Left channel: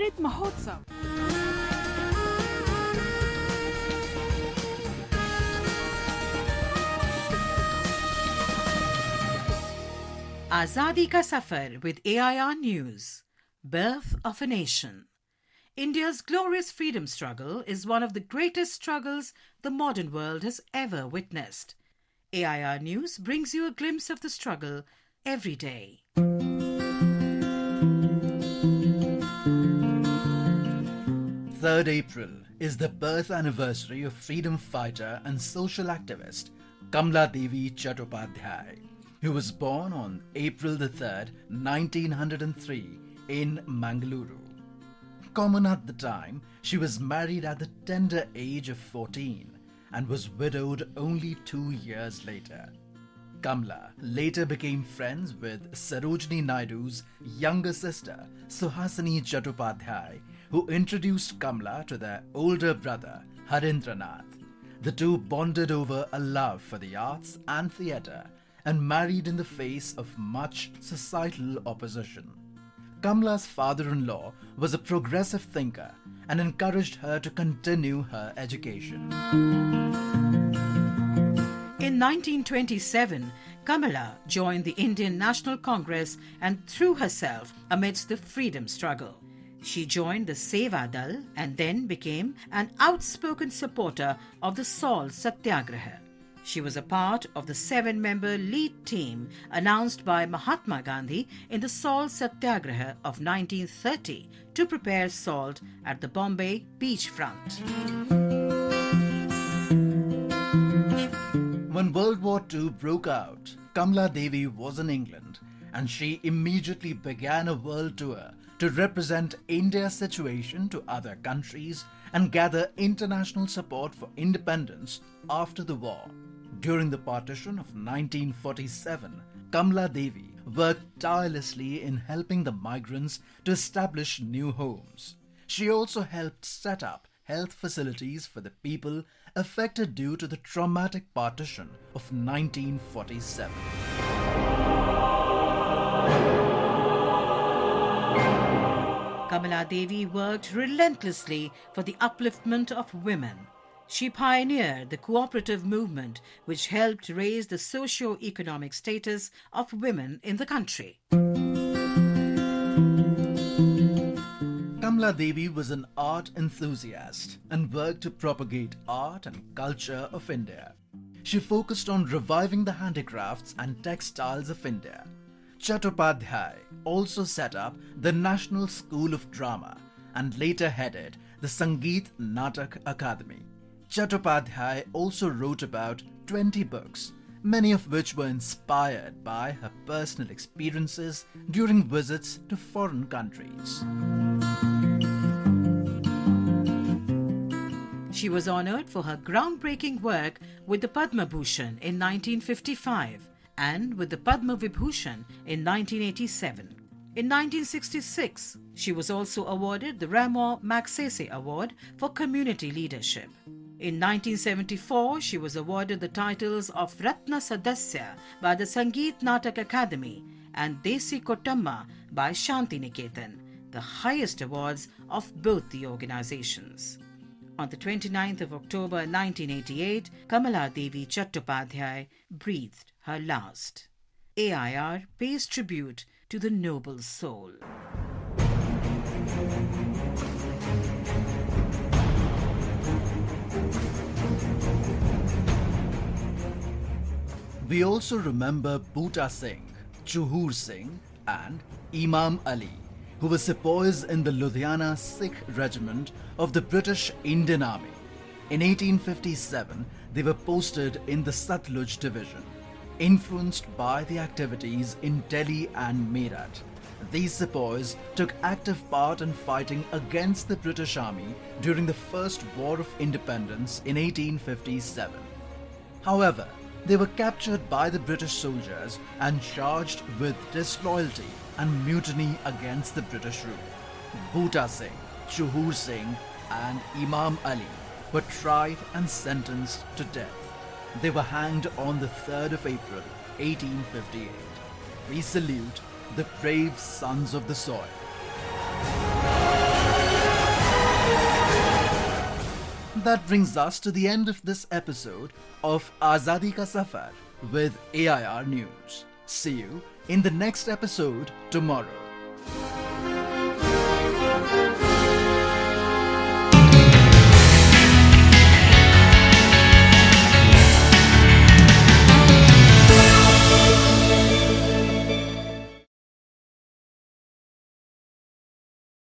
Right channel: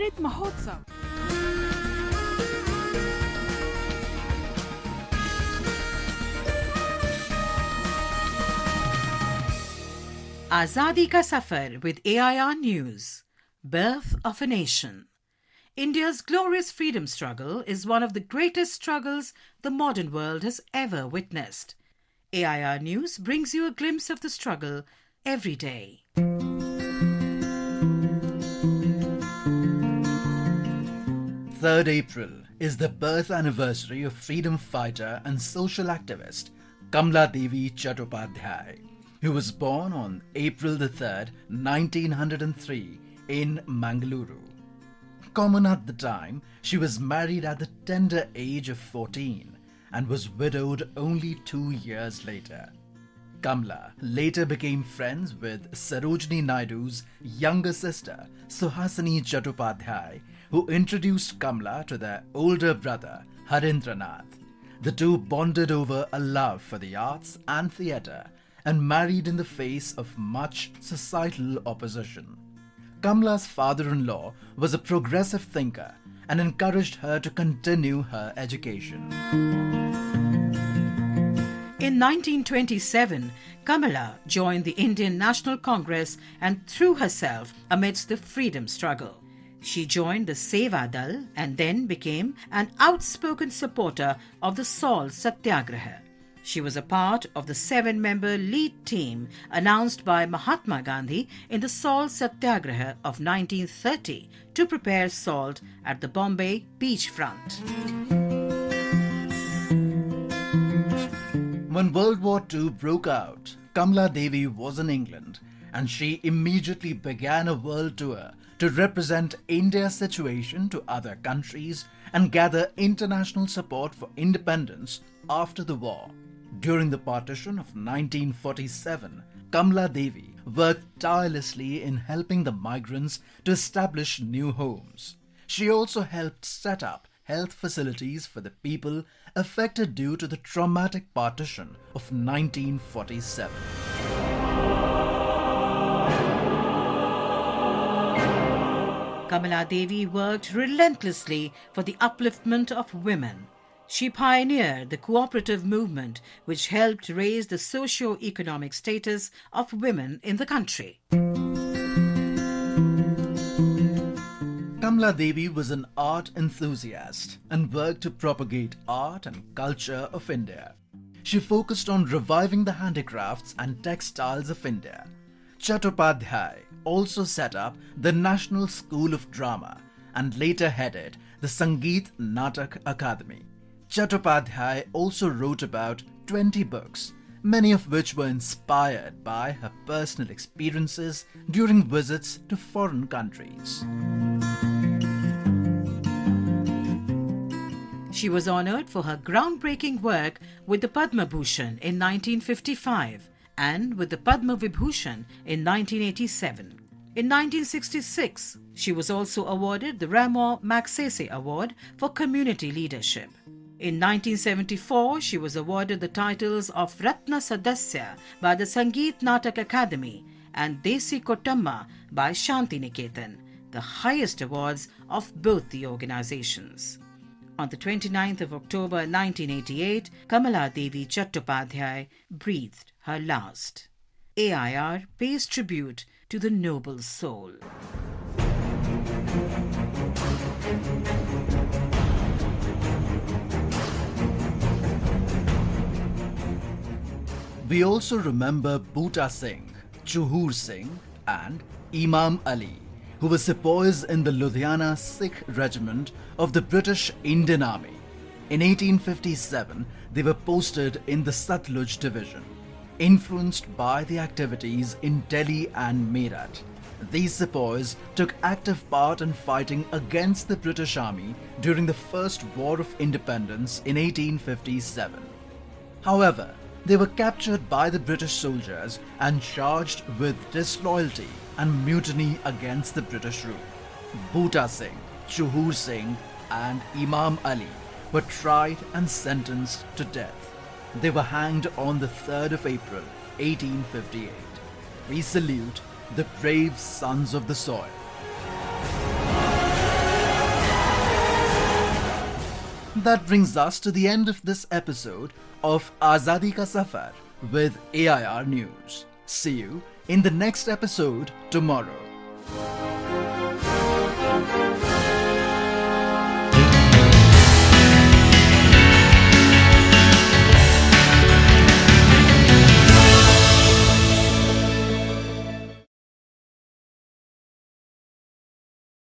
Amrit Mahotsav. Azadi Ka Safar with AIR News. Birth of a Nation. India's glorious freedom struggle is one of the greatest struggles the modern world has ever witnessed. AIR News brings you a glimpse of the struggle every day. April 3rd is the birth anniversary of freedom fighter and social activist Kamaladevi Chattopadhyay, who was born on April 3rd, 1903 in Mangaluru. Common at the time, she was married at the tender age of 14 and was widowed only 2 years later. Kamla later became friends with Sarojini Naidu's younger sister Suhasini Chattopadhyay, who introduced Kamla to their older brother Harindranath. The two bonded over a love for the arts and theatre and married in the face of much societal opposition. Kamla's father-in-law was a progressive thinker and encouraged her to continue her education. In 1927, Kamala joined the Indian National Congress and threw herself amidst the freedom struggle. She joined the Seva Dal and then became an outspoken supporter of the Salt Satyagraha. She was a part of the 7-member lead team announced by Mahatma Gandhi in the Salt Satyagraha of 1930 to prepare salt at the Bombay beachfront. When World War II broke out, Kamaladevi was in England and she immediately began a world tour to represent India's situation to other countries and gather international support for independence after the war. During the partition of 1947, Kamaladevi worked tirelessly in helping the migrants to establish new homes. She also helped set up health facilities for the people affected due to the traumatic partition of 1947. Kamaladevi worked relentlessly for the upliftment of women. She pioneered the cooperative movement which helped raise the socio-economic status of women in the country. Kamaladevi was an art enthusiast and worked to propagate art and culture of India. She focused on reviving the handicrafts and textiles of India. Chattopadhyay also set up the National School of Drama and later headed the Sangeet Natak Academy. Chattopadhyay also wrote about 20 books, many of which were inspired by her personal experiences during visits to foreign countries. She was honoured for her groundbreaking work with the Padma Bhushan in 1955 and with the Padma Vibhushan in 1987. In 1966, she was also awarded the Ramon Magsaysay Award for Community Leadership. In 1974, she was awarded the titles of Ratna Sadasya by the Sangeet Natak Academy and Desi Kotamma by Shanti Niketan, the highest awards of both the organizations. On the 29th of October 1988, Kamaladevi Chattopadhyay breathed her last. AIR pays tribute to the noble soul. We also remember Boota Singh, Choohur Singh and Imam Ali, who were sepoys in the Ludhiana Sikh regiment of the British Indian Army. In 1857, they were posted in the Satluj division. Influenced by the activities in Delhi and Meerut, these sepoys took active part in fighting against the British Army during the First War of Independence in 1857. However, they were captured by the British soldiers and charged with disloyalty and mutiny against the British rule. Boota Singh, Choohur Singh and Imam Ali were tried and sentenced to death. They were hanged on the 3rd of April, 1858. We salute the brave sons of the soil. That brings us to the end of this episode of Azadi Ka Safar with AIR News. See you in the next episode tomorrow.